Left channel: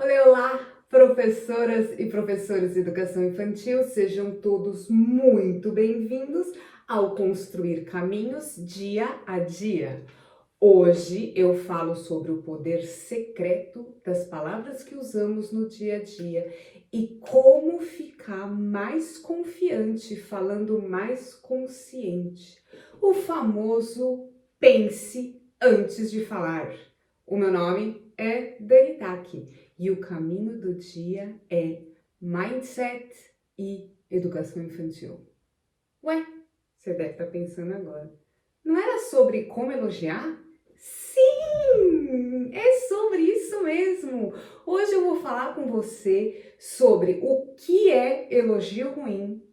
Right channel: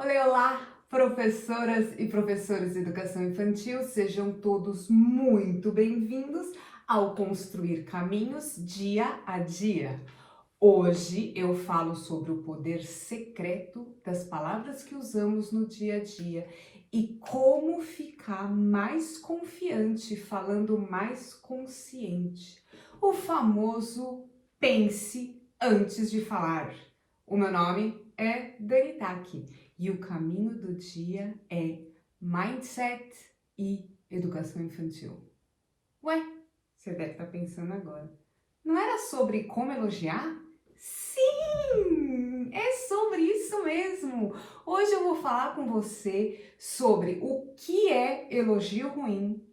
Olá, olá, professoras e professores de educação infantil, sejam todos muito bem-vindos ao Construir Caminhos Dia a Dia. Hoje eu falo sobre o poder secreto das palavras que usamos no dia a dia e como ficar mais confiante, falando mais consciente. O famoso pense antes de falar. O meu nome é Dani Taki e o caminho do dia é Mindset e Educação Infantil. Ué, você deve estar pensando agora. Não era sobre como elogiar? Sim, é sobre isso mesmo. Hoje eu vou falar com você sobre o que é elogio ruim.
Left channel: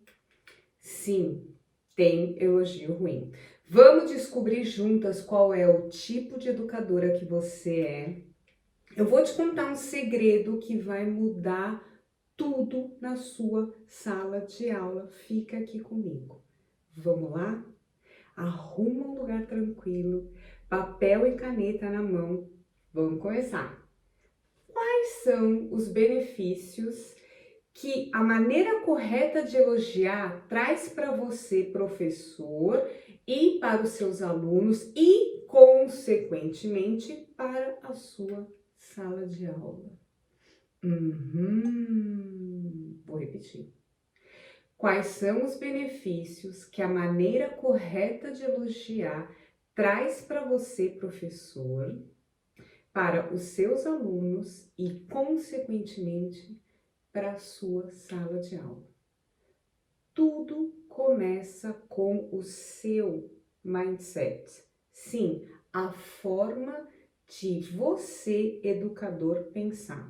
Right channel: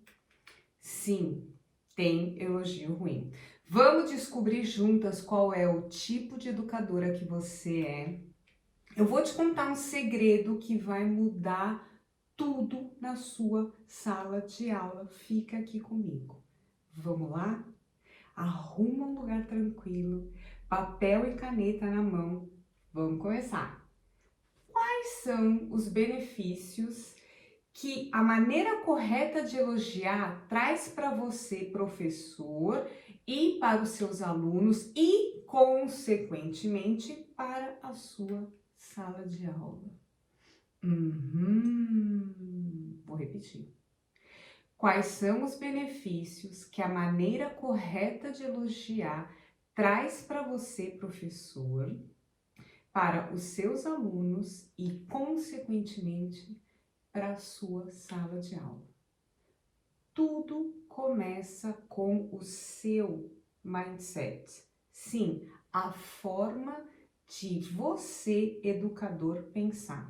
Sim, tem elogio ruim. Vamos descobrir juntas qual é o tipo de educadora que você é. Eu vou te contar um segredo que vai mudar tudo na sua sala de aula. Fica aqui comigo. Vamos lá? Arruma um lugar tranquilo, papel e caneta na mão. Vamos começar. Quais são os benefícios que a maneira correta de elogiar traz para você, professor, e para os seus alunos e, consequentemente, para a sua sala de aula? Vou repetir. Quais são os benefícios que a maneira correta de elogiar traz para você, professor, para os seus alunos e, consequentemente, para a sua sala de aula? Tudo começa com o seu mindset. Sim, a forma de você, educador, pensar.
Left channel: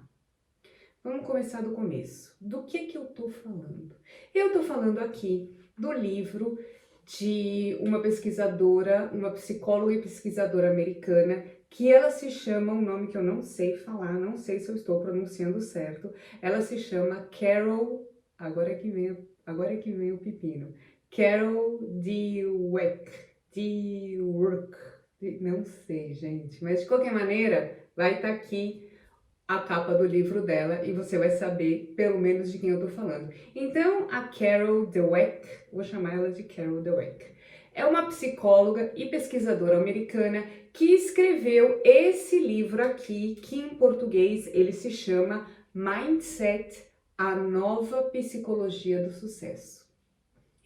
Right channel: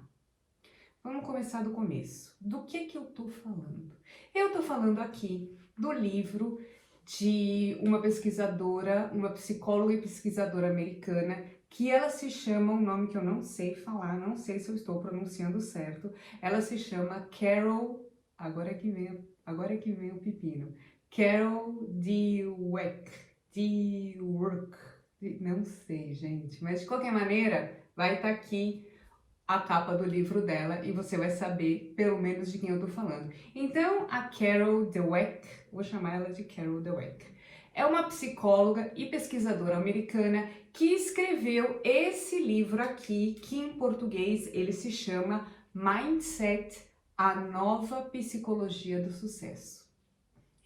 Vamos começar do começo. Do que eu tô falando? Eu tô falando aqui do livro de uma pesquisadora, uma psicóloga e pesquisadora americana, que ela se chama, um nome que eu não sei falar, não sei se eu estou pronunciando certo, ela se chama Carol, agora é que vem o pepino, Carol Dweck, não sei, gente, mas de qualquer maneira, vai estar aqui a capa do livro dela e você vai saber pelo menos de quem eu tô falando. Então, a Carol Dweck, vou chamar ela de Carol Dweck, é uma psicóloga e pesquisadora americana que escreveu esse livro aqui, que em português ele se chama Mindset, a nova psicologia do sucesso.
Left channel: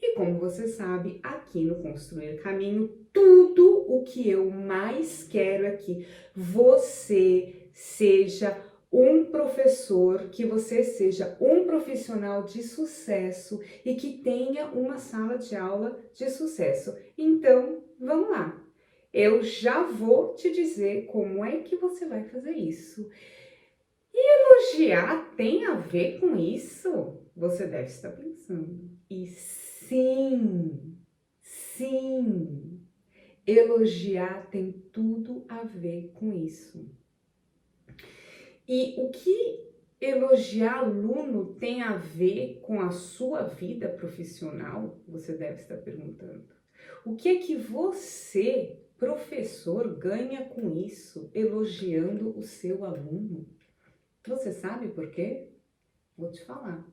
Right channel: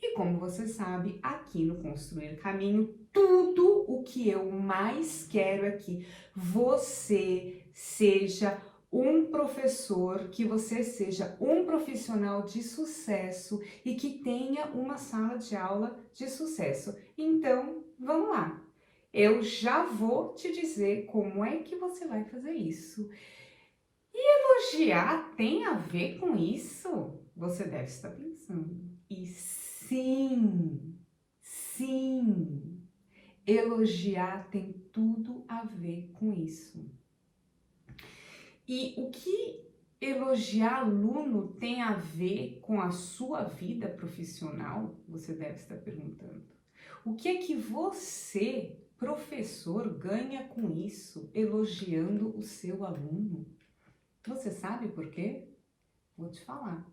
E como você sabe, aqui no Construir Caminho, tudo o que eu mais quero é que você seja um professor, que você seja um profissional de sucesso e que tenha uma sala de aula de sucesso. Então, vamos lá. Eu já vou te dizer como é que você vai fazer isso. E elogiar tem a ver com isso? Você deve estar pensando. E sim, elogiar tem tudo a ver com isso. E o que elogiar aluno tem a ver com a sua vida profissional? Você deve estar perguntando. O que é que você, professor, ganha com isso, elogiando o seu aluno? Você sabe por quê? Vou te falar.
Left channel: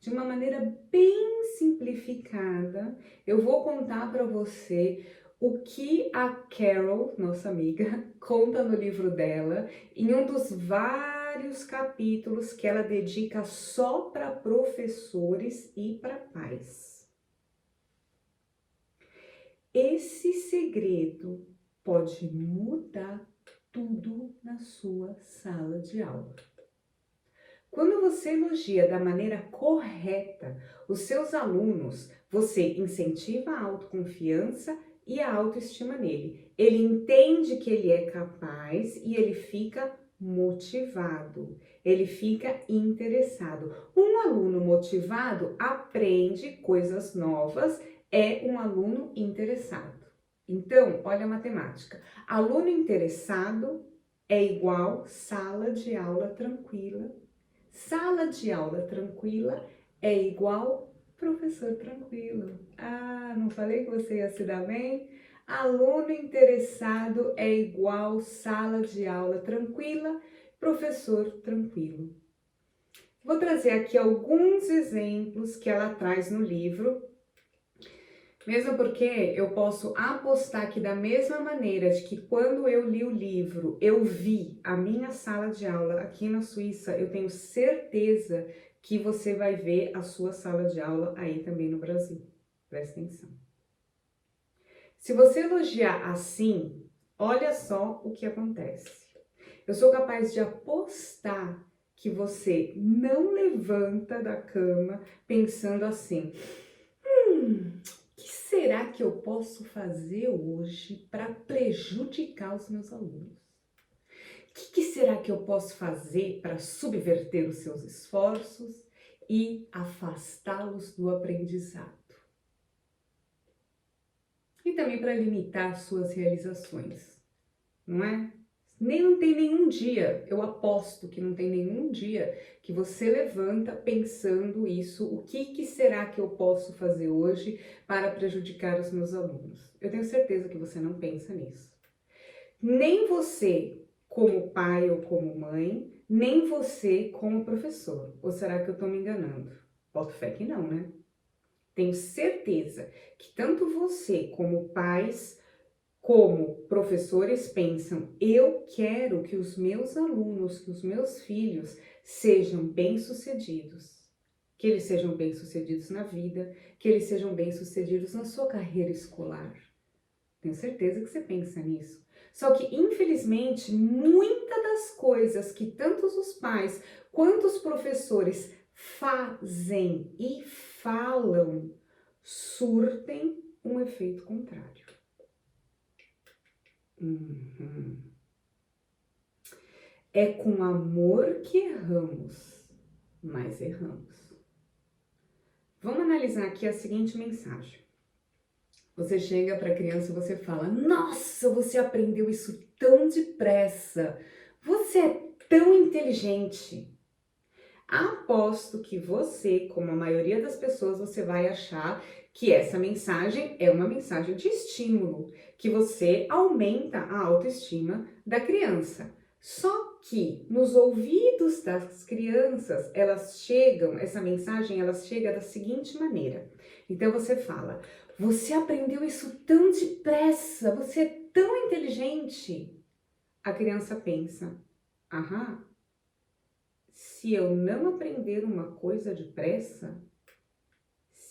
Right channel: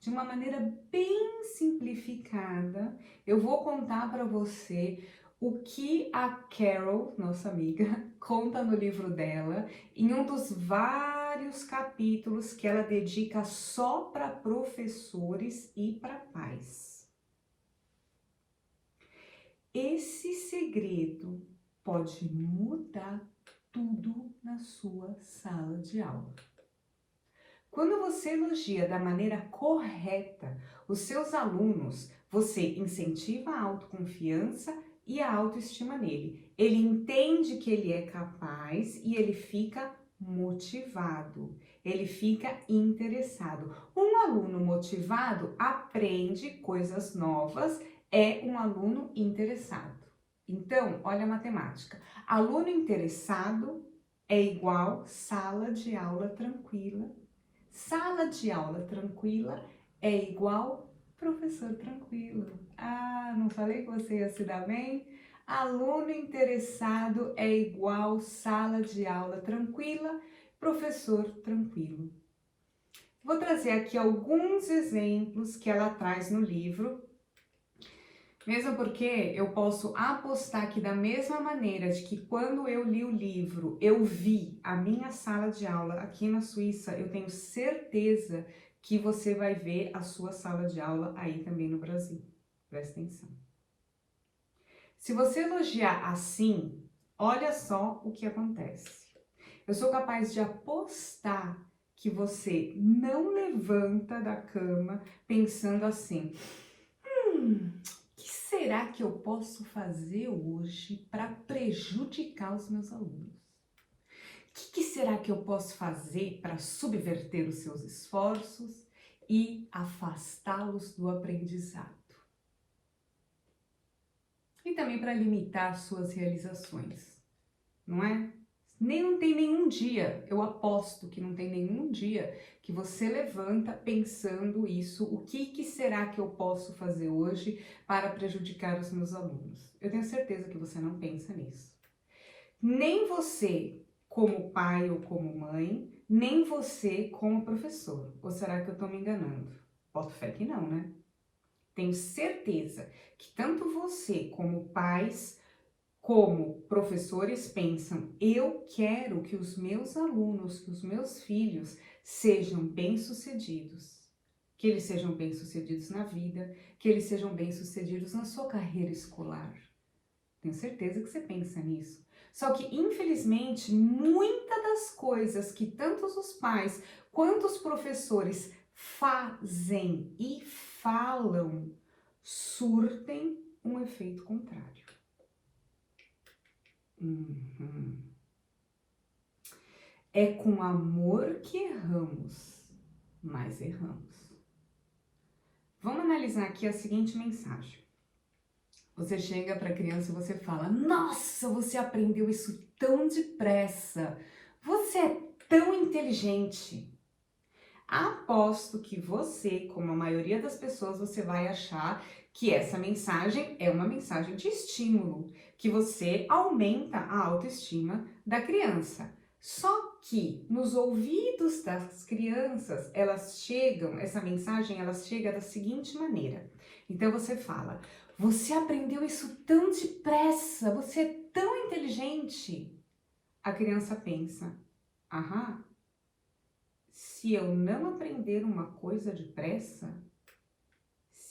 De uma maneira bem simplificada, eu vou contar para você o que a Carol, nossa amiga, conta no livro dela, em um dos vários capítulos que ela dedica só para professores e para pais. Esse segredo pode mudar tudo na sua sala de aula. Quando você elogia da maneira correta os seus alunos, você incentiva a autoconfiança e a autoestima nele. Ele entende que ele é capaz e ele fica motivado, ele fica interessado. Um aluno motivado aprende coisas novas, é um aluno interessado. Então, olha a matemática. Aluno interessado é igual sala de aula tranquila. Sala de aula tranquila é igual professor tranquilo. Ah, não falei que você ia se dar bem? Aluno interessado é igual sala de aula tranquila professor tranquilo. Vou trazer aqui alguns exemplos que ela traz no livro, mesmo porque eu posso apostar que da mesma maneira de que quando eu li o livro, eu vi a minha sala de aula aqui na Suíça, eu tenho certeza que você vai ver a sua sala de aula aí também no Brasil. Presta atenção. Se você elogiar assim, olha só o que acontece. Eu sou capaz de apostar que você não levanta da cama pensando assim: o que será que eu posso fazer hoje para prejudicar os meus alunos? O que será que eu posso fazer para subverter os seus esforços e afastá-los do aprendizado? E também para limitar suas realizações, não é? Não tem nenhum dia, eu aposto que não tem nenhum dia que você levanta pensando isso, o que será que eu posso fazer hoje para prejudicar os meus alunos? Eu tenho certeza que você não pensa nisso. Nem você como pai ou como mãe, nem você como professor. Ou será que eu estou me enganando? Boto fé que não, né? Tenho certeza que tanto você como pais como professores pensam: eu quero que os meus alunos, que os meus filhos sejam bem-sucedidos, que eles sejam bem-sucedidos na vida, que eles sejam bem-sucedidos na sua carreira escolar. Tenho certeza que você pensa nisso. Só que, infelizmente, muitas das coisas que tanto os pais quanto os professores fazem e falam surtem um efeito contrário. É com amor que erramos, mas erramos. Vamos analisar aqui a seguinte mensagem. Você chega para a criança e você fala: nossa, você aprendeu isso tão depressa. Você é tão inteligente. Aposto que você, como a maioria das pessoas, você vai achar que essa mensagem é uma mensagem de estímulo, que você aumenta a autoestima da criança. Só que nos ouvidos das crianças, essa mensagem, ela chega da seguinte maneira. Então você fala: você aprendeu isso tão depressa, você é tão inteligente. A criança pensa: aham, se eu não aprender uma coisa depressa,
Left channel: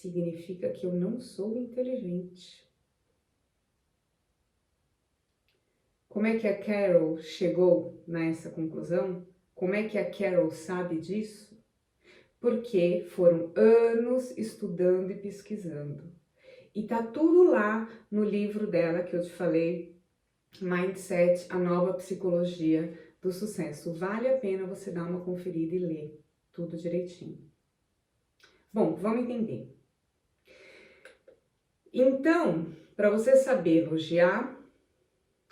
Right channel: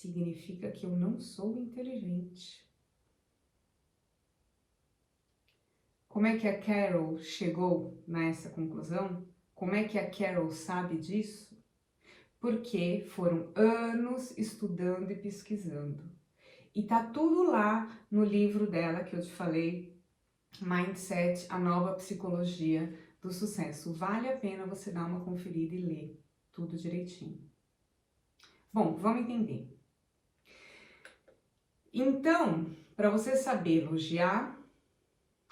significa que eu não sou inteligente. Como é que a Carol chegou nessa conclusão? Como é que a Carol sabe disso? Porque foram anos estudando e pesquisando. E tá tudo lá no livro dela que eu te falei, Mindset, a nova psicologia do sucesso. Vale a pena você dar uma conferida e ler tudo direitinho. Bom, vamos entender. Então, para você saber elogiar,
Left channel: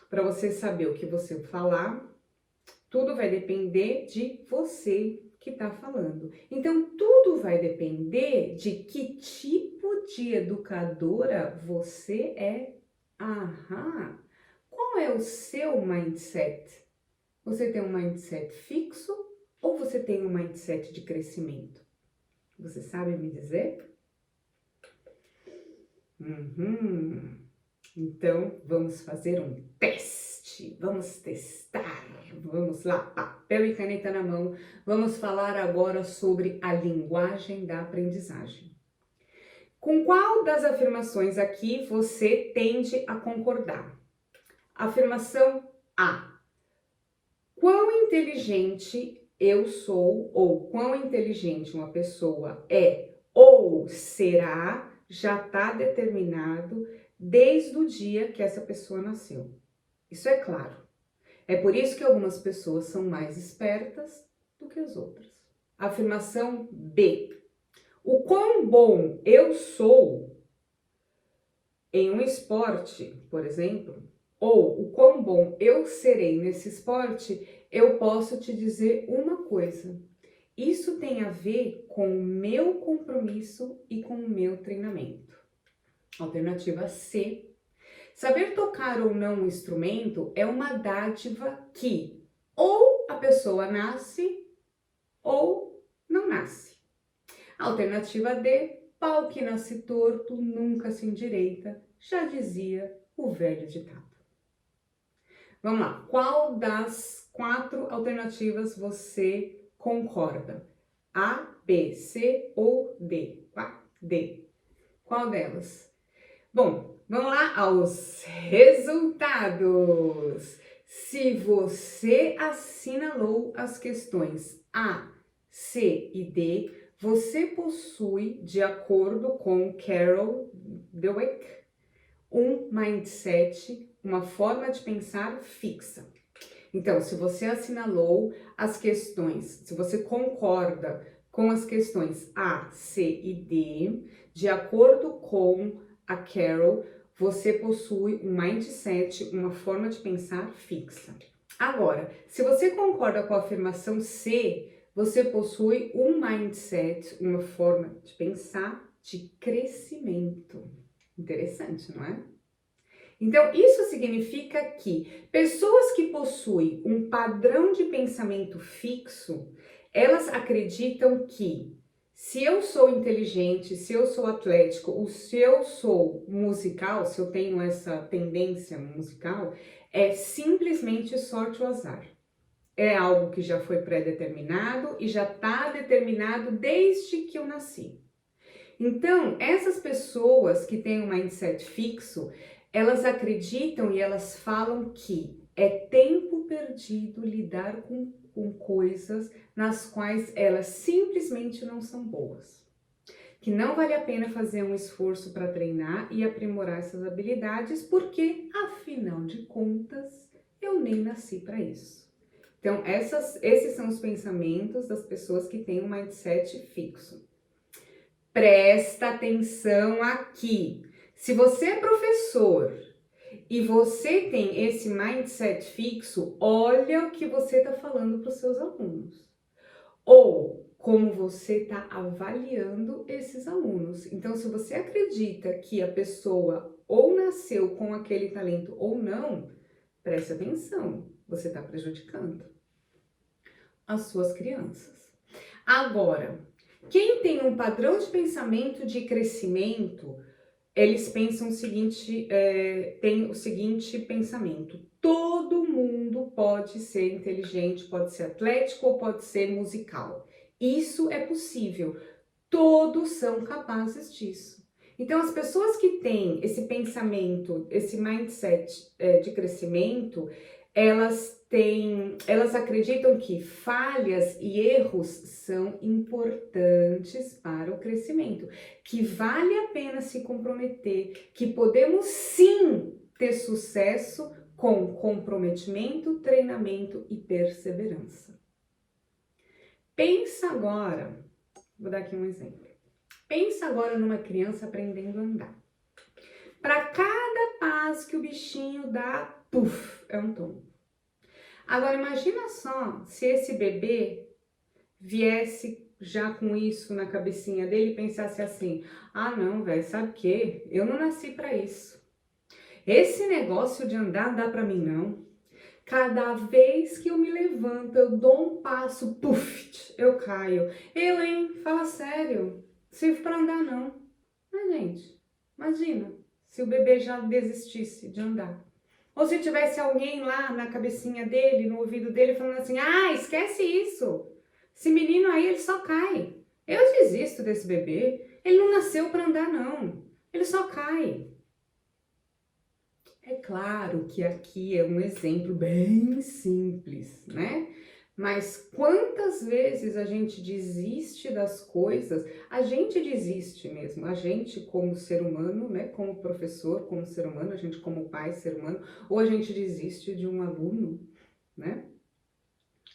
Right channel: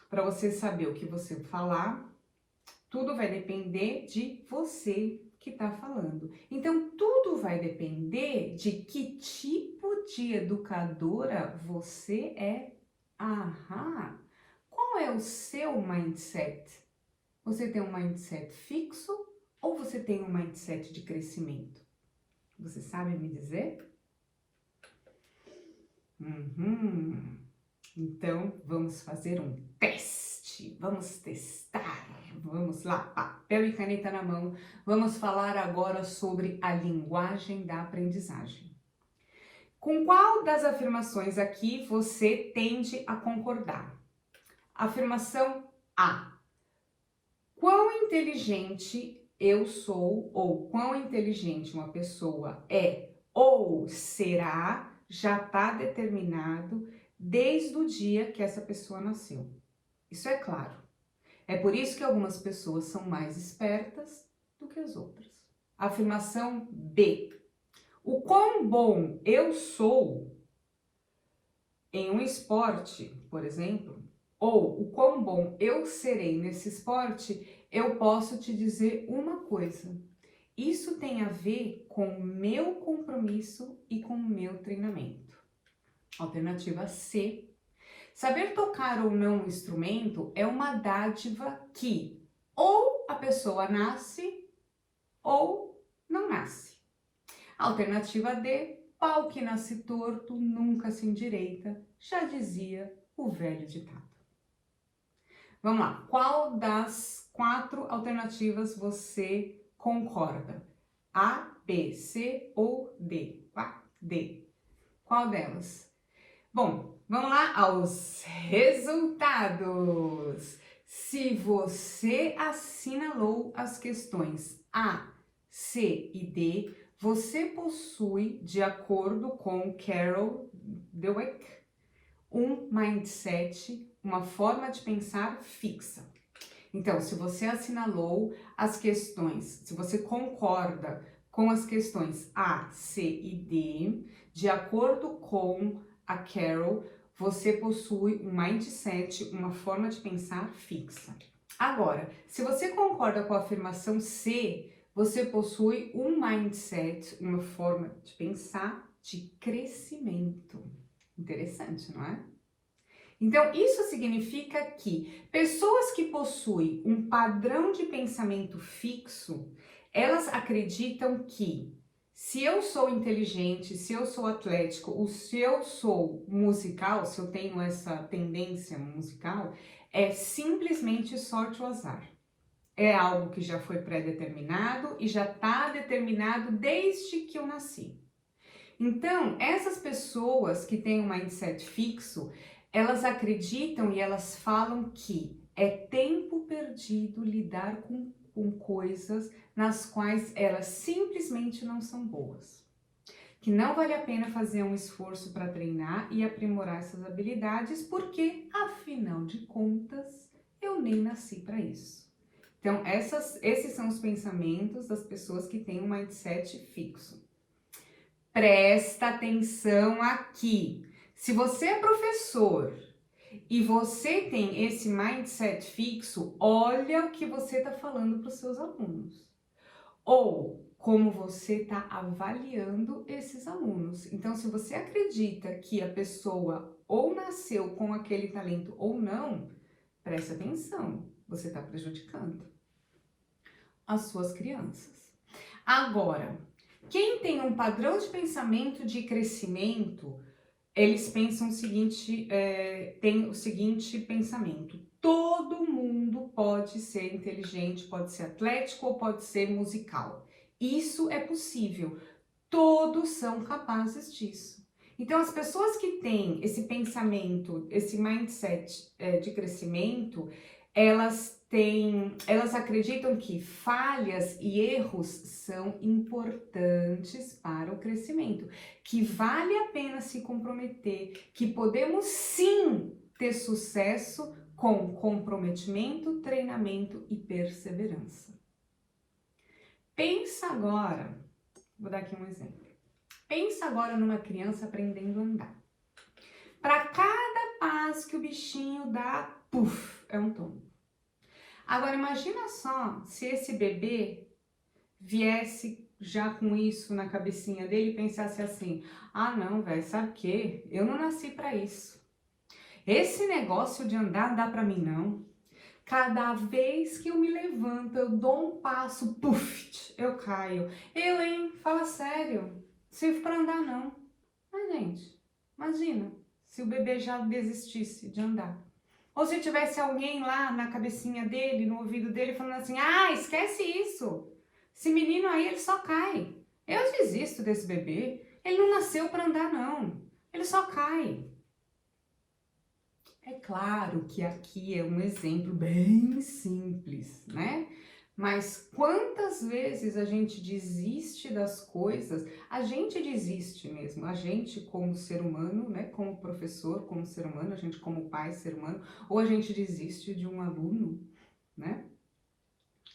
para você saber o que você falar, tudo vai depender de você que está falando. Então, tudo vai depender de que tipo de educadora você é. Aham! Qual é o seu mindset? Você tem um mindset fixo ou você tem um mindset de crescimento? Você sabe me dizer? Então, vamos fazer um teste. Vamos testar. Vamos lá, papel e caneta na mão. Vamos falar agora sobre a linguagem da aprendizagem. Com qual das afirmações aqui você tende a concordar? Afirmação A. Quão inteligente eu sou, ou quão inteligente uma pessoa é ou será, já está determinado desde o dia que essa pessoa nasceu. Isso é claro. É por isso que algumas pessoas são mais espertas do que as outras. Afirmação B. O quão bom eu sou em um esporte, por exemplo, ou o quão bom eu serei nesse esporte, eu posso te dizer uma coisa. Isso tem a ver com o meu compromisso e com o meu treinamento. Alternativa C. Saber tocar ou não um instrumento é uma dádiva que Ou a pessoa nasce ou não nasce. Alternativa D, pau que nasce torto nunca se endireita, já dizia o velho ditado. Vamos lá, qual das 4 alternativas você concorda? A, B, C ou D? D. Qual delas? Bom, vamos lá aos resultados. Se você assinalou as questões A, C e D, você possui, de acordo com Carol Dweck, um mindset, uma forma de pensar fixa. Então, se você assinalou as questões, se você concorda com as questões A, C e D, de acordo com a Carol, você possui um mindset, uma forma de pensar fixa. Agora, se você concorda com a afirmação C, você possui um mindset, uma forma de pensar de crescimento. Interessante, não é? Então, isso significa que pessoas que possuem um padrão de pensamento fixo, elas acreditam que se eu sou inteligente, se eu sou atlético, ou se eu sou musical, se eu tenho essa tendência musical, é simplesmente sorte ou azar. É algo que já foi pré-determinado e já está determinado desde que eu nasci. Então, essas pessoas que têm um mindset fixo, elas acreditam e elas falam que é tempo perdido lidar com coisas nas quais elas simplesmente não são boas. Que não vale a pena fazer um esforço para treinar e aprimorar essas habilidades, porque, afinal de contas, eu nem nasci para isso. Então, esses são os pensamentos das pessoas que têm um mindset fixo. Presta atenção aqui. Se você é professor e você tem esse mindset fixo, olha o que você está falando para os seus alunos. Ou como você está avaliando esses alunos. Então, se você acredita que a pessoa ou nasceu com aquele talento ou não, preste atenção, você está prejudicando as suas crianças. Agora, quem tem um padrão de pensamento de crescimento, eles pensam o seguinte, tem o seguinte pensamento: todo mundo pode ser inteligente, pode ser atlético ou pode ser musical. Isso é possível, todos são capazes disso. Então, as pessoas que têm esse pensamento, esse mindset de crescimento, elas acreditam que falhas e erros são importantes para o crescimento, que vale a pena se comprometer, que podemos sim ter sucesso com comprometimento, treinamento e perseverança. Pensa agora, vou dar aqui um exemplo. Pensa agora numa criança aprendendo a andar. Para cada passo que o bichinho dá, puf, é um tombo. Agora imagina só se esse bebê viesse já com isso na cabecinha dele e pensasse assim: ah não, velho, sabe o quê? Eu não nasci para isso. Esse negócio de andar não dá para mim não. Cada vez que eu me levanto, eu dou um passo, puf, eu caio. Eu, hein? Fala sério, sirvo para andar não. Mas gente, imagina se o bebê já desistisse de andar. Ou se tivesse alguém lá na cabecinha dele, no ouvido dele, falando assim: ah, esquece isso. Esse menino aí, ele só cai. Eu desisto desse bebê. Ele não nasceu para andar, não. Ele só cai. É claro que aqui é um exemplo bem simples, né? Mas quantas vezes a gente desiste das coisas? A gente desiste mesmo, a gente como ser humano, né? Como professor, como ser humano, a gente como pai, ser humano, ou a gente desiste de um aluno, né?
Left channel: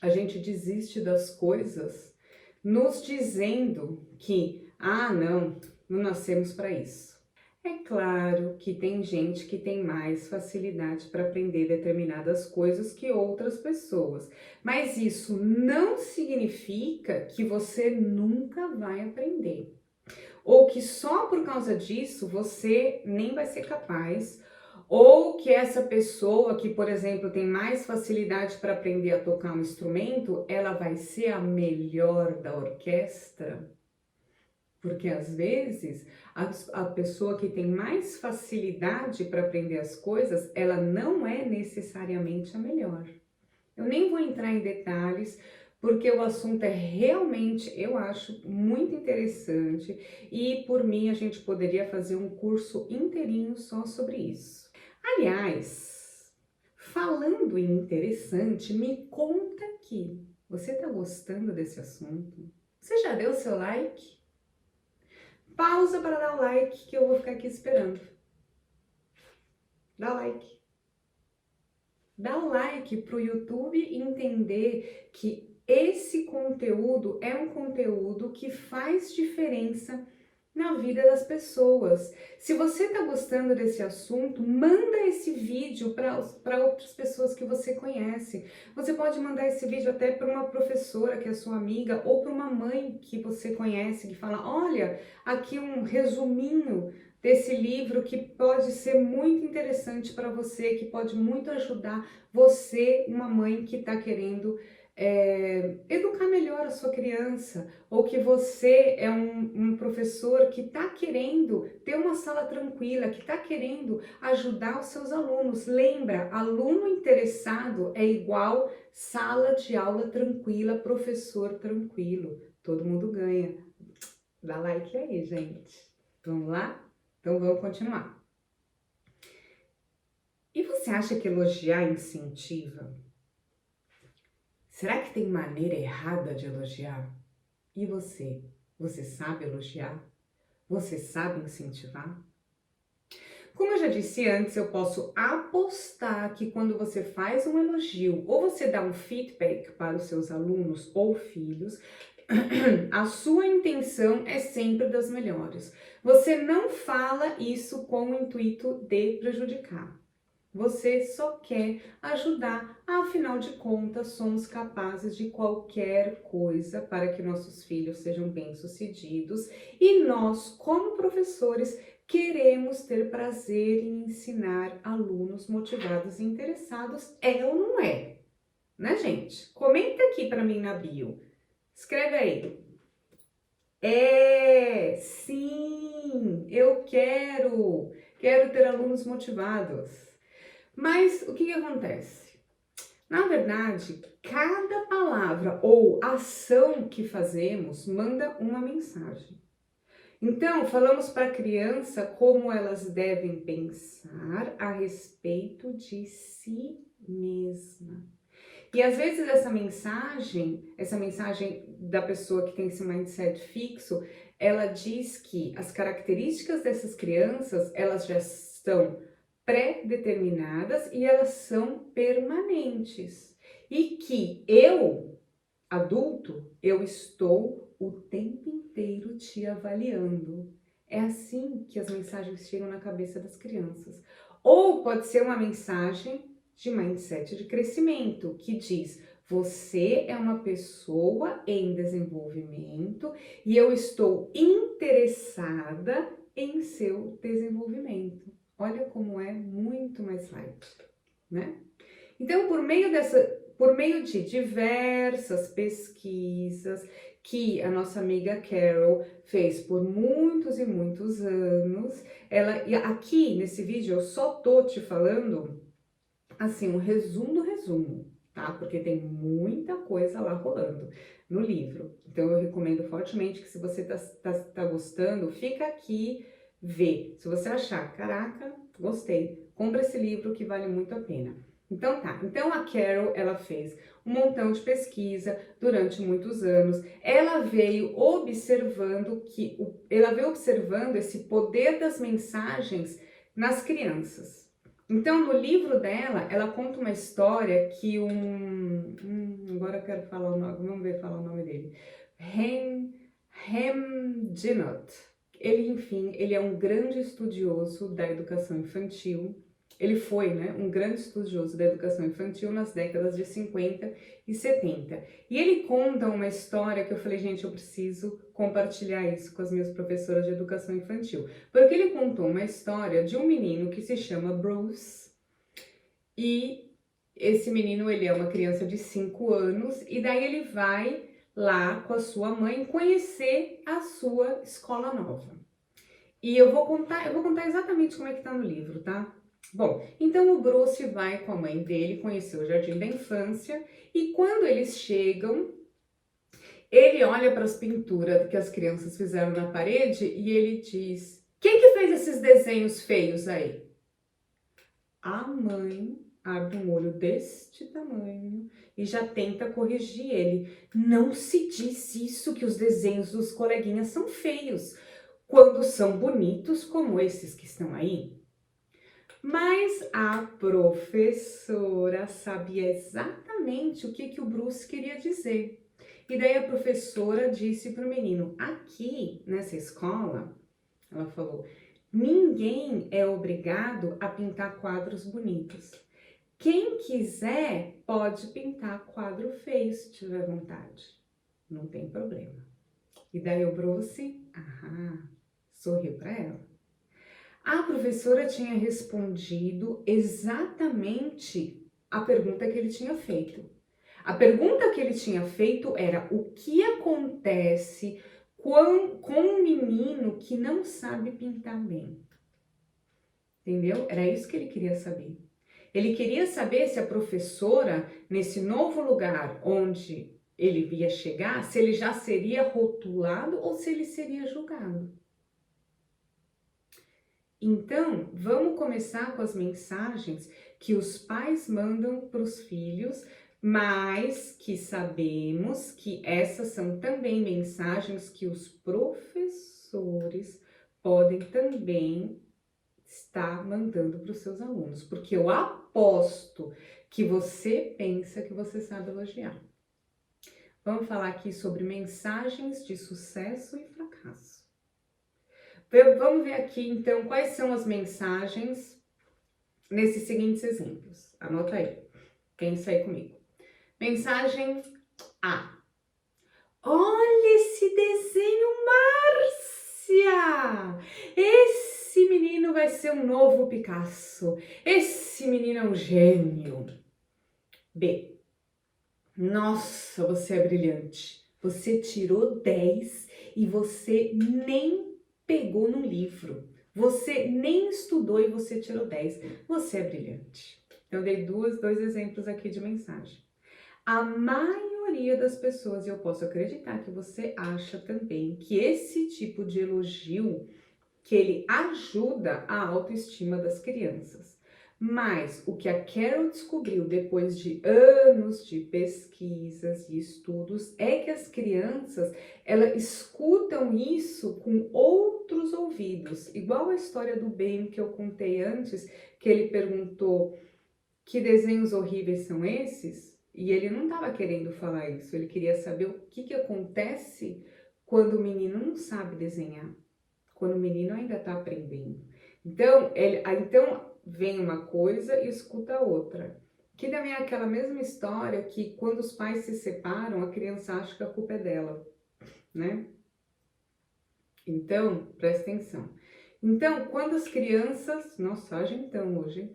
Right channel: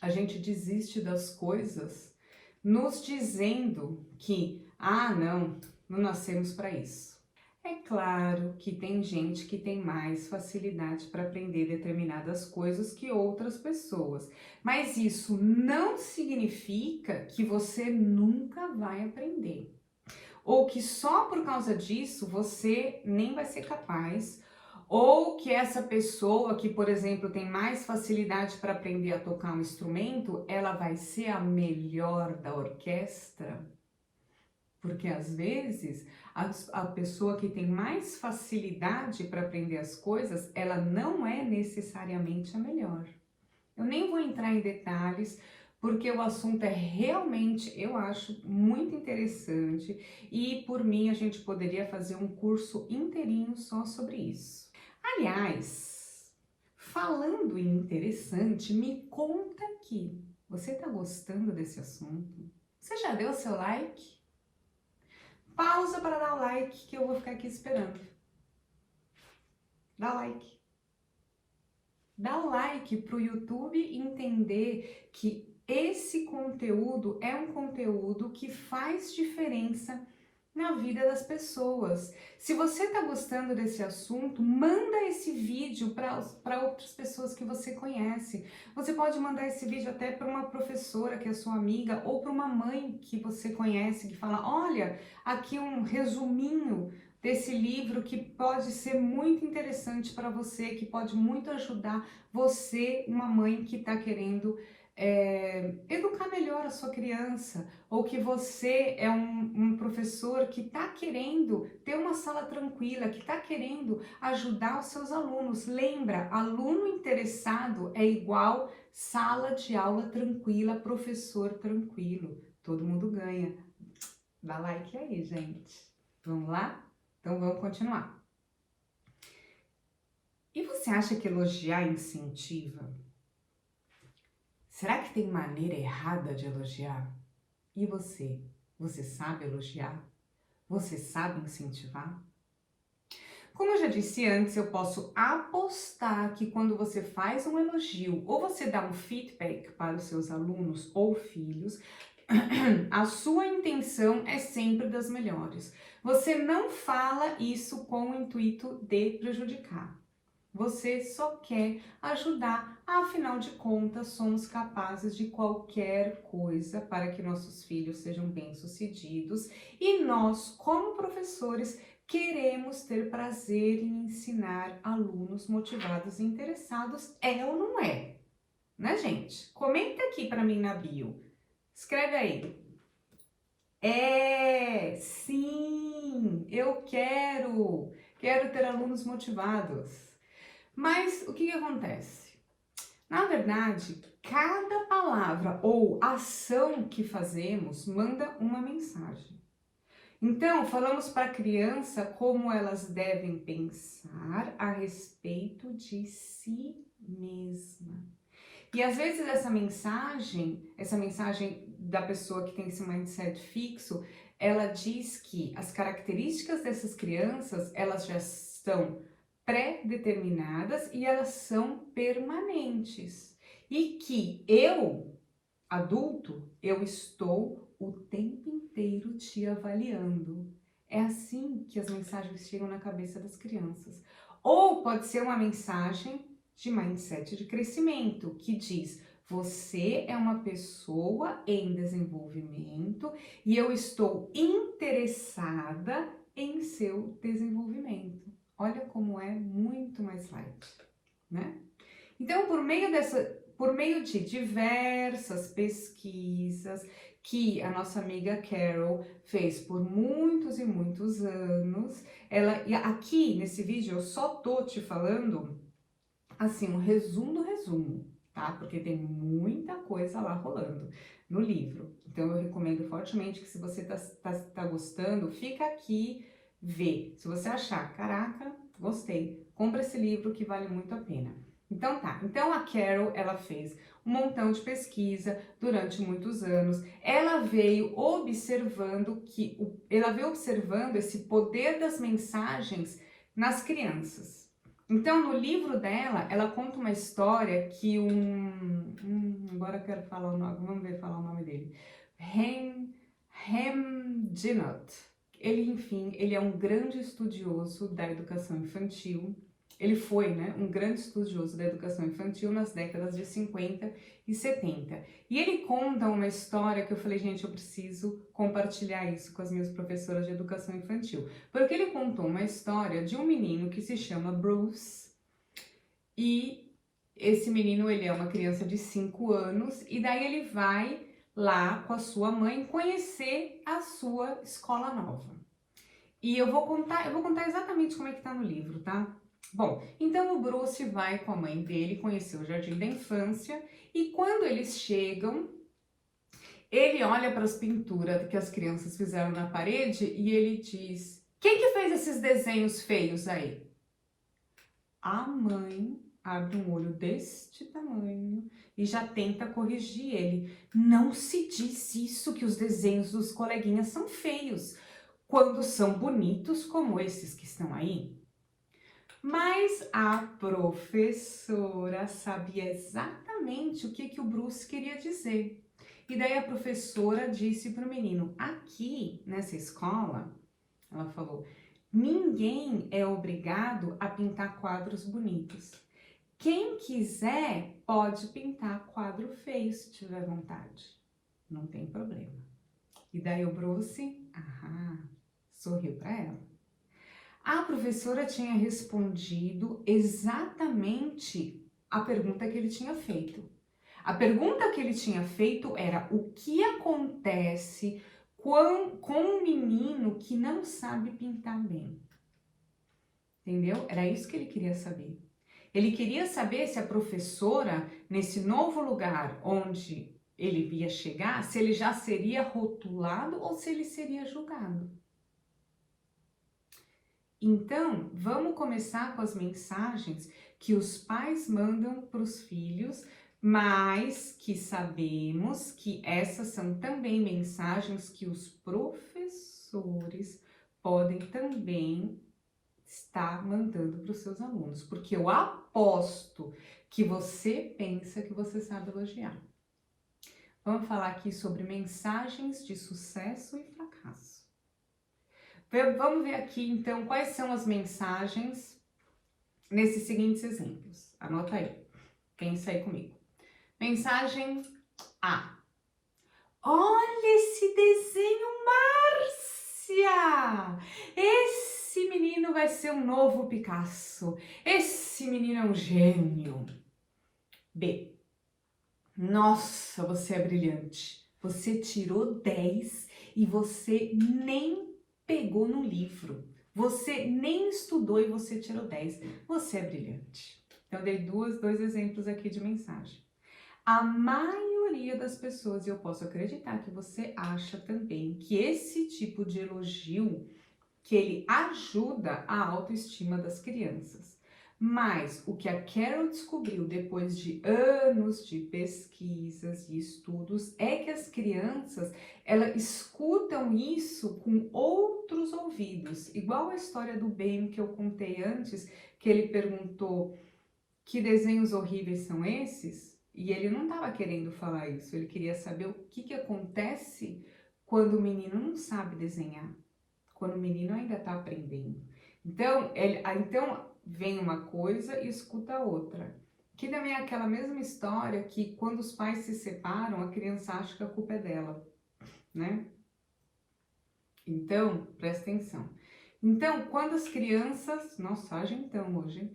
A gente desiste das coisas nos dizendo que, ah, não nascemos para isso. É claro que tem gente que tem mais facilidade para aprender determinadas coisas que outras pessoas, mas isso não significa que você nunca vai aprender, ou que só por causa disso você nem vai ser capaz, Ou que essa pessoa que, por exemplo, tem mais facilidade para aprender a tocar um instrumento, ela vai ser a melhor da orquestra? Porque às vezes a pessoa que tem mais facilidade para aprender as coisas, ela não é necessariamente a melhor. Eu nem vou entrar em detalhes, porque o assunto é realmente, eu acho, muito interessante e por mim a gente poderia fazer um curso inteirinho só sobre isso. Aliás, falando em interessante, me conta aqui, você tá gostando desse assunto? Você já deu seu like? Pausa para dar like que eu vou ficar aqui esperando. Dá like. Dá like para o YouTube entender que esse conteúdo é um conteúdo que faz diferença na vida das pessoas. Se você está gostando desse assunto, manda esse vídeo para outras pessoas que você conhece. Você pode mandar esse vídeo até para uma professora que é sua amiga ou para uma mãe que você conhece, que fala, olha, aqui um resuminho desse livro que pode ser muito interessante para você, que pode muito ajudar você, uma mãe que está querendo educar melhor a sua criança, ou que você é um professor que está querendo ter uma sala tranquila, que está querendo ajudar os seus alunos. Lembra, aluno interessado é igual sala de aula tranquila, professor tranquilo. Todo mundo ganha. Dá like aí, gente. Vamos lá? Então vamos continuar. E você acha que elogiar incentiva? Será que tem maneira errada de elogiar? E você? Você sabe elogiar? Você sabe incentivar? Como eu já disse antes, eu posso apostar que quando você faz um elogio ou você dá um feedback para os seus alunos ou filhos, a sua intenção é sempre das melhores. Você não fala isso com o intuito de prejudicar. Você só quer ajudar, afinal de contas, somos capazes de qualquer coisa para que nossos filhos sejam bem-sucedidos e nós, como professores, queremos ter prazer em ensinar alunos motivados e interessados, é ou não é? Né, gente? Comenta aqui para mim na bio. Escreve aí. Sim, eu quero ter alunos motivados. Mas o que acontece? Na verdade, cada palavra ou ação que fazemos manda uma mensagem. Então, falamos para a criança como elas devem pensar a respeito de si mesma. E às vezes essa mensagem da pessoa que tem esse mindset fixo, ela diz que as características dessas crianças, elas já estão pré-determinadas e elas são permanentes. E que eu, adulto, eu estou o tempo inteiro te avaliando. É assim que as mensagens chegam na cabeça das crianças. Ou pode ser uma mensagem de mindset de crescimento, que diz: você é uma pessoa em desenvolvimento e eu estou interessada em seu desenvolvimento. Olha como é muito mais light, né? Então, por meio de diversas pesquisas que a nossa amiga Carol fez por muitos e muitos anos, e aqui nesse vídeo eu só tô te falando assim, um resumo do resumo, tá? Porque tem muita coisa lá rolando no livro. Então, eu recomendo fortemente que se você tá gostando, fica aqui, vê. Se você achar, caraca, gostei, compra esse livro que vale muito a pena. Então tá, então a Carol, ela fez um montão de pesquisa durante muitos anos. Ela veio observando esse poder das mensagens nas crianças. Então, no livro dela, ela conta uma história que agora eu quero falar o nome, vamos ver falar o nome dele. Hem Dinot. Ele é um grande estudioso da educação infantil Ele foi, né, um grande estudioso da educação infantil nas décadas de 50 e 70. E ele conta uma história que eu falei, gente, eu preciso compartilhar isso com as minhas professoras de educação infantil. Porque ele contou uma história de um menino que se chama Bruce, e esse menino, ele é uma criança de 5 anos, e daí ele vai lá com a sua mãe conhecer a sua escola nova. E eu vou contar exatamente como é que tá no livro, tá? Bom, então o Bruce vai com a mãe dele conhecer o jardim da infância, e quando eles chegam, ele olha para as pinturas que as crianças fizeram na parede e ele diz: quem que fez esses desenhos feios aí? A mãe abre um olho deste tamanho e já tenta corrigir ele. Não se diz isso, que os desenhos dos coleguinhas são feios, quando são bonitos como esses que estão aí. Mas a professora sabia exatamente o que o Bruce queria dizer. E daí a professora disse para o menino: aqui nessa escola, ela falou, ninguém é obrigado a pintar quadros bonitos. Quem quiser pode pintar quadro feio se tiver vontade. Não tem problema. E daí o Bruce, sorriu para ela. A professora tinha respondido exatamente a pergunta que ele tinha feito. A pergunta que ele tinha feito era: o que acontece com um menino que não sabe pintar bem? Entendeu? Era isso que ele queria saber. Ele queria saber se a professora, nesse novo lugar onde ele ia chegar, se ele já seria rotulado ou se ele seria julgado. Então, vamos começar com as mensagens que os pais mandam para os filhos, mas que sabemos que essas são também mensagens que os professores podem também estar mandando para os seus alunos, porque eu aposto que você pensa que você sabe elogiar. Vamos falar aqui sobre mensagens de sucesso e fracasso. Vamos ver aqui, então, quais são as mensagens nesses seguintes exemplos. Anota aí, pensa aí comigo. Mensagem A. Olha esse desenho, Márcia! Esse menino vai ser um novo Picasso. Esse menino é um gênio. B. Nossa, você é brilhante. Você tirou 10 e você nem pegou no livro. Você nem estudou e você tirou 10. Você é brilhante. Então, dei dois exemplos aqui de mensagem. A maioria das pessoas, eu posso acreditar que você acha também que esse tipo de elogio, que ele ajuda a autoestima das crianças. Mas o que a Carol descobriu depois de anos de pesquisas e estudos é que as crianças, elas escutam isso com outros ouvidos. Igual a história do Ben que eu contei antes, que ele perguntou que desenhos horríveis são esses? E ele não estava querendo falar isso, ele queria saber o que acontece quando o menino não sabe desenhar, quando o menino ainda está aprendendo. Então, então vem uma coisa e escuta a outra. Que também é aquela mesma história que quando os pais se separam, a criança acha que a culpa é dela, né? Então, presta atenção. Então, quando as crianças... Nossa, haja então hoje, hein?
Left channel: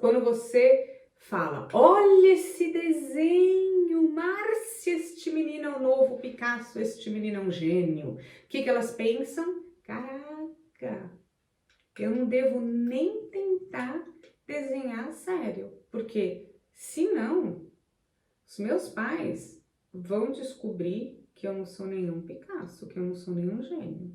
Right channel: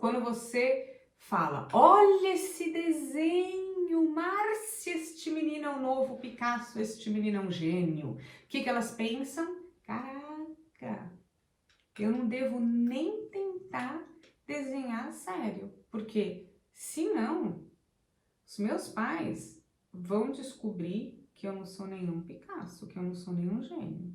Quando você fala, olha esse desenho, Márcia, este menino é um novo Picasso, este menino é um gênio. O que elas pensam? Caraca, eu não devo nem tentar desenhar sério, porque senão os meus pais vão descobrir que eu não sou nenhum Picasso, que eu não sou nenhum gênio.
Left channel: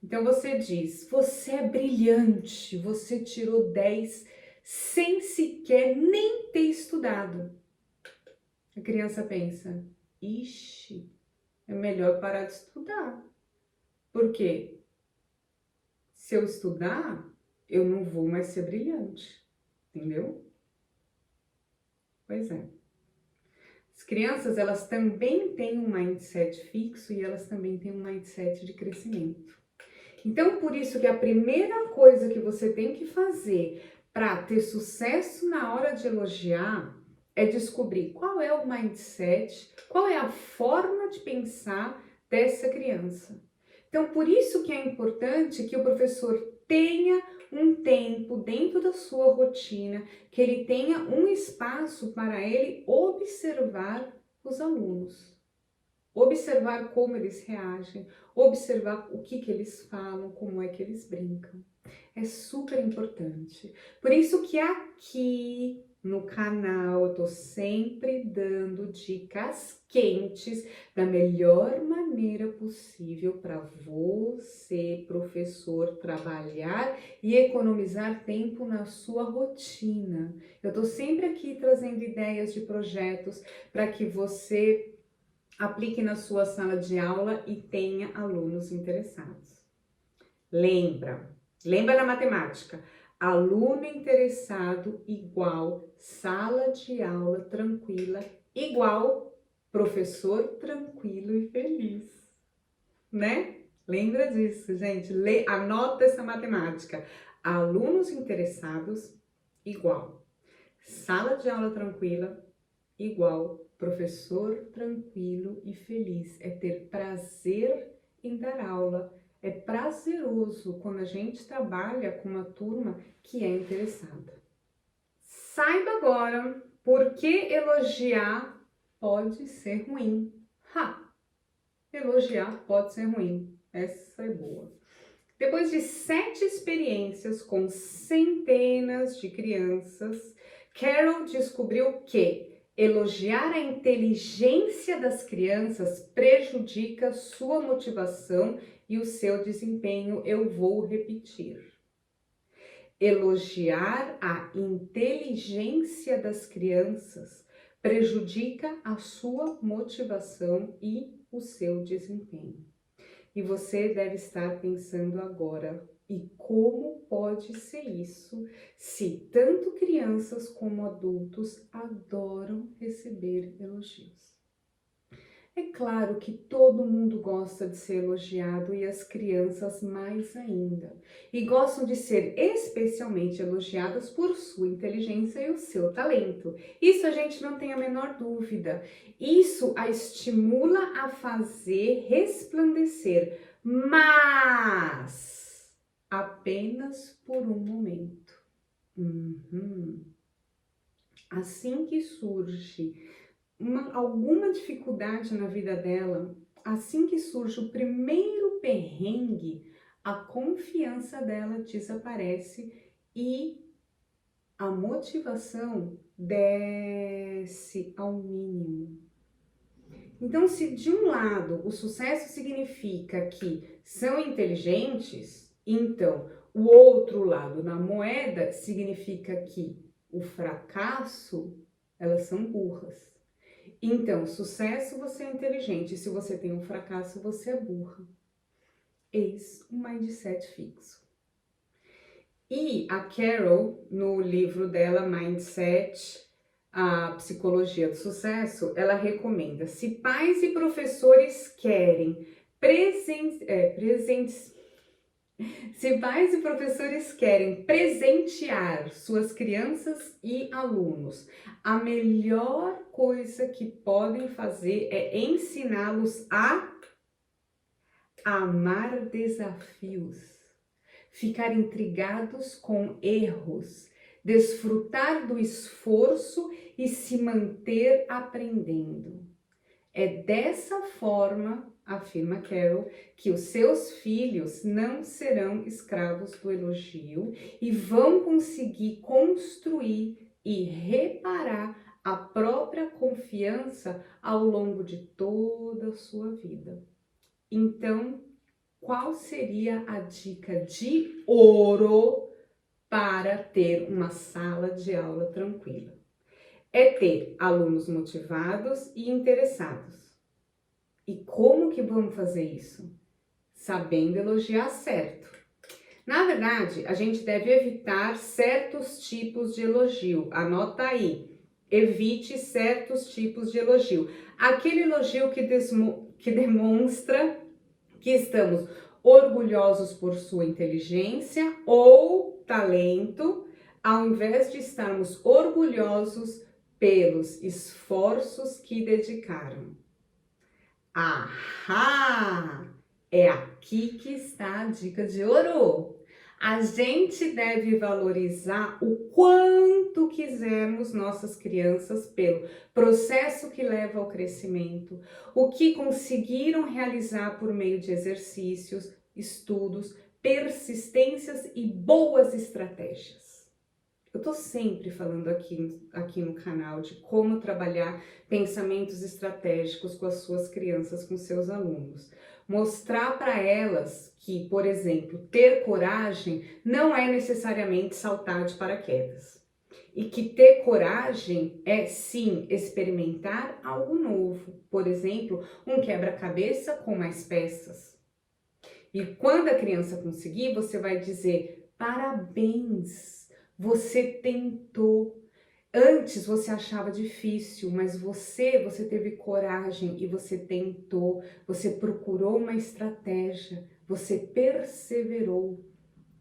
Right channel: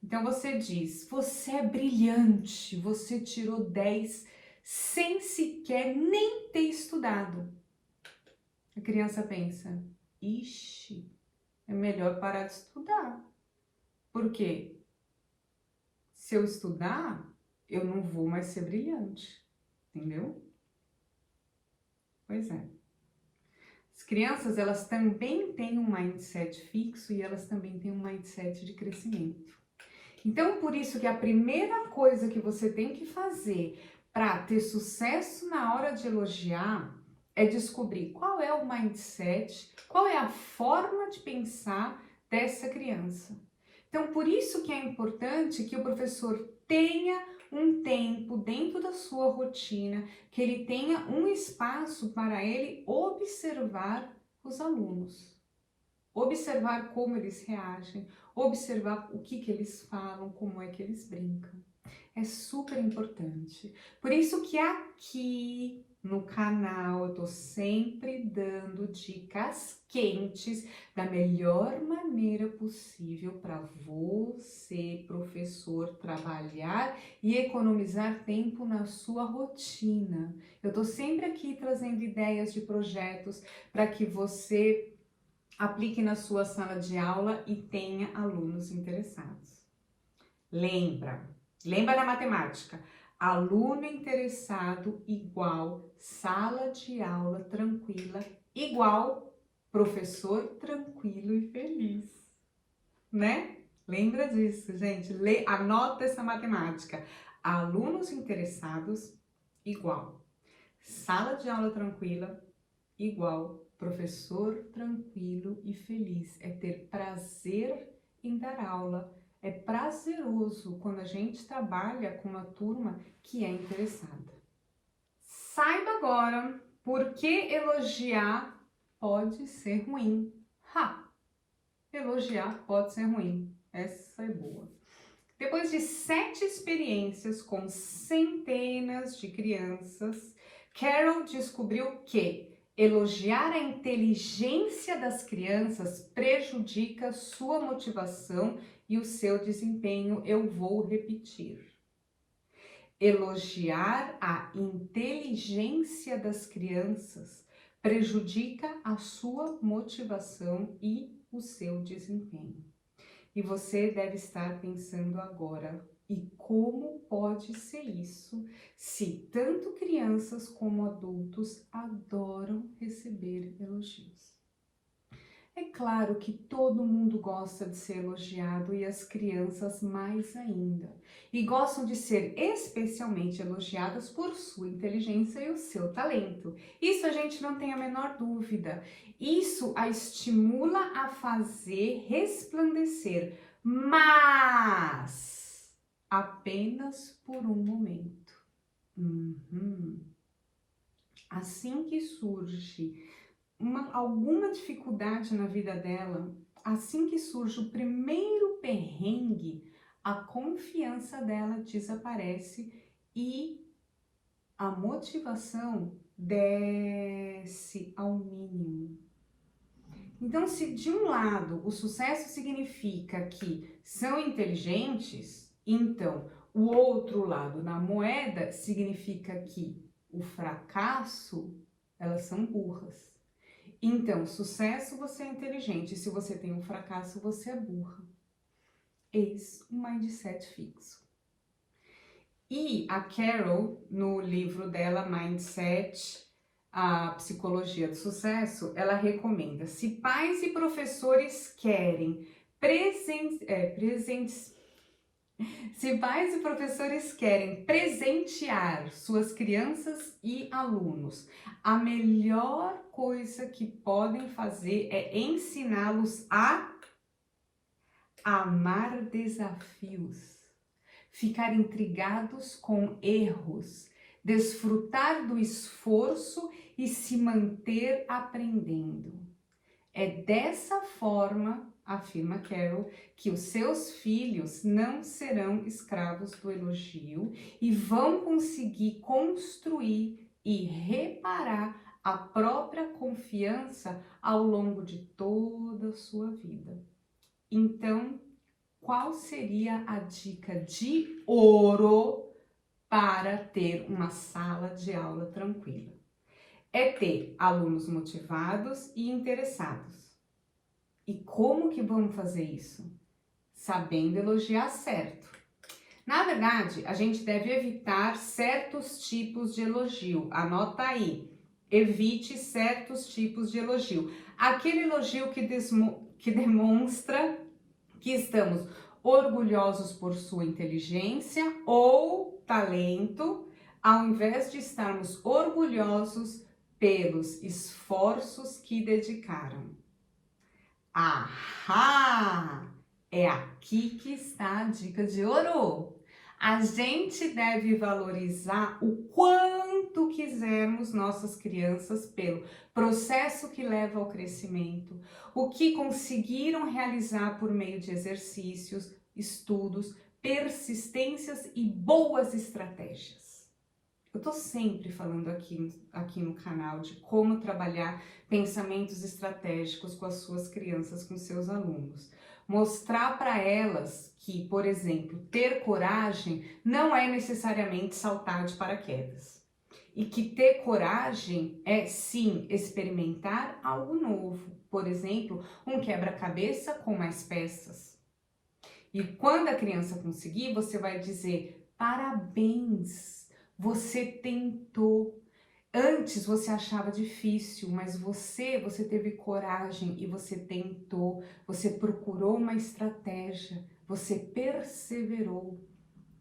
Então você diz, você é brilhante, você tirou 10 sem sequer nem ter estudado. A criança pensa, ixi, é melhor parar de estudar. Por quê? Se eu estudar, eu não vou mais ser brilhante, entendeu? Pois é. As crianças, elas também têm um mindset fixo e elas também têm um mindset de crescimento. Então, por isso que a primeira coisa que você tem que fazer para ter sucesso na hora de elogiar é descobrir qual é o mindset, qual é a forma de pensar dessa criança. Então, por isso que é importante que o professor tenha um tempo dentro da sua rotina, que ele tenha um espaço para ele observar os alunos. Observar como eles reagem, observar o que eles falam, como é que eles brincam. É super importante. Por isso que aqui no canal eu tô sempre dando dicas quentes da melhor maneira possível para você, professor, trabalhar e economizar tempo na sua rotina. Eu tô sempre aqui trazendo ideias de projetos para que você aplique na sua sala de aula e tenha alunos interessados. Lembra da matemática. Aluno interessado igual sala de aula tranquila igual professor tranquilo e feliz, né? Lembra disso, gente. Anota essa matemática. Alunos interessados igual sala de aula tranquila igual professor tranquilo e feliz. É ter prazer em dar aula. É prazeroso quando a gente trabalha com uma turma que é interessada. Saiba agora por que elogiar pode ser ruim. Elogiar pode ser ruim. Essa é boa. Depois de 7 experiências com centenas de crianças, Carol descobriu que elogiar a inteligência das crianças prejudica sua motivação e o seu desempenho. Eu vou repetir. Elogiar a inteligência das crianças prejudica a sua motivação e o seu desempenho. E você deve estar pensando agora, e como pode ser isso se tanto crianças como adultos adoram receber elogios? É claro que todo mundo gosta de ser elogiado e as crianças mais ainda. E gostam de ser especialmente elogiadas por sua inteligência e o seu talento. Isso a gente não tem a menor dúvida. Isso a estimula a fazer resplandecer, mas apenas por um momento. Assim que surge alguma dificuldade na vida dela, assim que surge o primeiro perrengue, a confiança dela desaparece e a motivação desce ao mínimo. Então, se de um lado o sucesso significa que são inteligentes, então o outro lado da moeda significa que o fracasso, elas são burras. Então, sucesso, você é inteligente. Se você tem um fracasso, você é burra. Eis um mindset fixo. E a Carol, no livro dela, Mindset, a Psicologia do Sucesso, ela recomenda: se pais e professores querem presentear suas crianças e alunos, a melhor coisa que podem fazer é ensiná-los a amar desafios, ficar intrigados com erros, desfrutar do esforço e se manter aprendendo. É dessa forma, afirma Carol, que os seus filhos não serão escravos do elogio e vão conseguir construir e reparar a própria confiança ao longo de toda a sua vida. Então, qual seria a dica de ouro para ter uma sala de aula tranquila? É ter alunos motivados e interessados. E como que vamos fazer isso? Sabendo elogiar certo. Na verdade, a gente deve evitar certos tipos de elogio. Anota aí. Evite certos tipos de elogio. Aquele elogio que demonstra que estamos orgulhosos por sua inteligência ou talento, ao invés de estarmos orgulhosos pelos esforços que dedicaram. Ahá! É aqui que está a dica de ouro. A gente deve valorizar o quanto quisermos nossas crianças pelo processo que leva ao crescimento, o que conseguiram realizar por meio de exercícios, estudos, persistências e boas estratégias. Eu tô sempre falando aqui no canal de como trabalhar pensamentos estratégicos com as suas crianças, com seus alunos. Mostrar para elas que, por exemplo, ter coragem não é necessariamente saltar de paraquedas. E que ter coragem é, sim, experimentar algo novo. Por exemplo, um quebra-cabeça com mais peças. E quando a criança conseguir, você vai dizer: parabéns! Você tentou. Antes você achava difícil, mas você teve coragem e você tentou. Você procurou uma estratégia, você perseverou,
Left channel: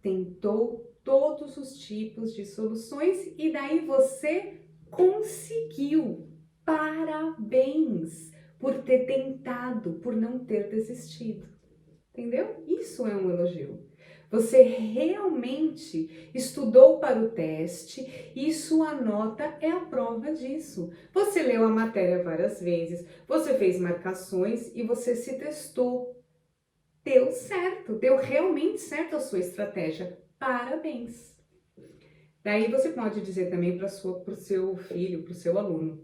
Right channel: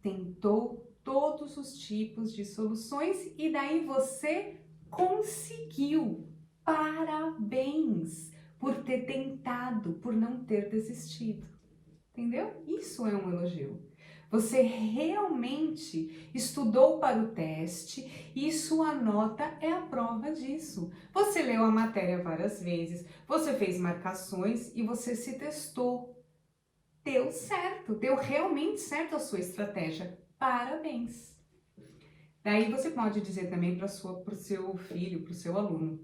tentou todos os tipos de soluções e daí você conseguiu. Parabéns por ter tentado, por não ter desistido. Entendeu? Isso é um elogio. Você realmente estudou para o teste e sua nota é a prova disso. Você leu a matéria várias vezes, você fez marcações e você se testou. Deu certo, deu realmente certo a sua estratégia. Parabéns! Daí você pode dizer também para o seu filho, para o seu aluno,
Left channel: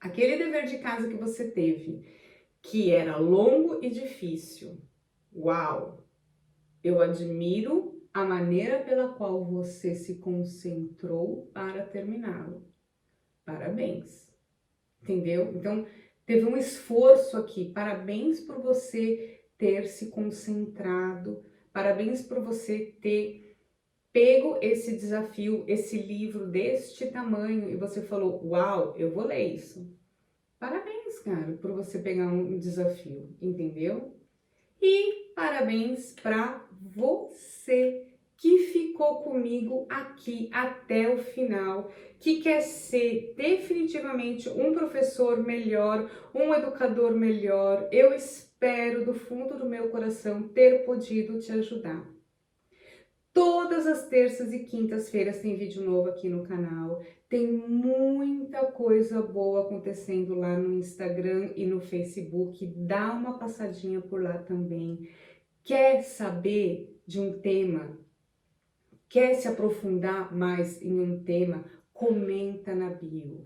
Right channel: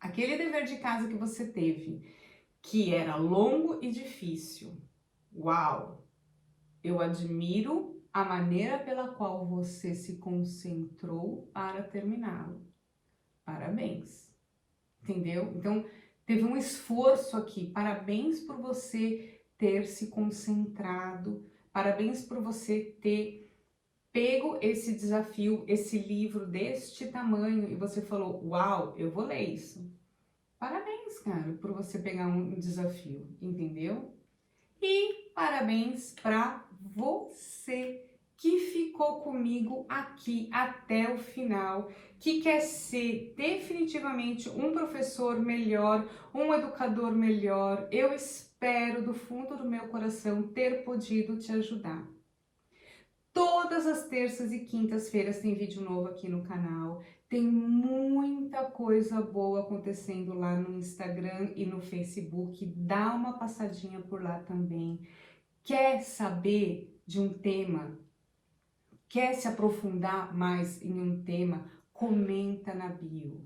aquele dever de casa que você teve, que era longo e difícil. Uau! Eu admiro a maneira pela qual você se concentrou para terminá-lo. Parabéns. Entendeu? Então, teve um esforço aqui. Parabéns por você ter se concentrado. Parabéns por você ter pego esse desafio, esse livro deste tamanho e você falou: uau, eu vou ler isso. Parabéns, cara, por você pegar um desafio, entendeu? E parabéns para você que ficou comigo aqui até o final, que quer ser definitivamente um professor melhor, um educador melhor. Eu espero do fundo do meu coração ter podido te ajudar. Todas as terças e quintas-feiras tem vídeo novo aqui no canal. Tem muita coisa boa acontecendo lá no Instagram e no Facebook. Dá uma passadinha por lá também. Quer saber de um tema? Quer se aprofundar mais em um tema? Comenta na bio.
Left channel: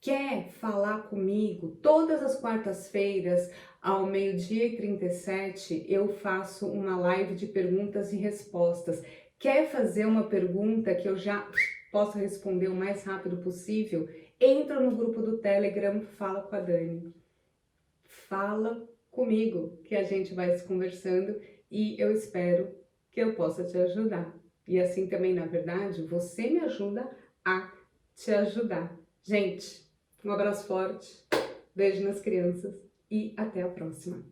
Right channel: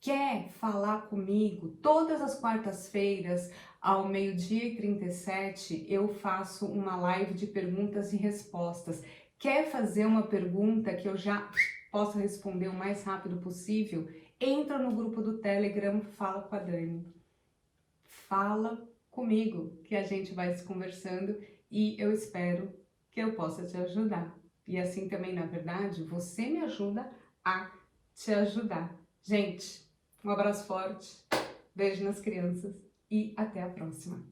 Quer falar comigo? Todas as quartas-feiras, ao 12h37, eu faço uma live de perguntas e respostas. Quer fazer uma pergunta que eu já possa responder o mais rápido possível? Entra no grupo do Telegram, fala com a Dani. Fala comigo, que a gente vai se conversando e eu espero que eu possa te ajudar. E assim também, na verdade, você me ajuda a te ajudar. Gente, um abraço forte, beijo nas crianças e até a próxima.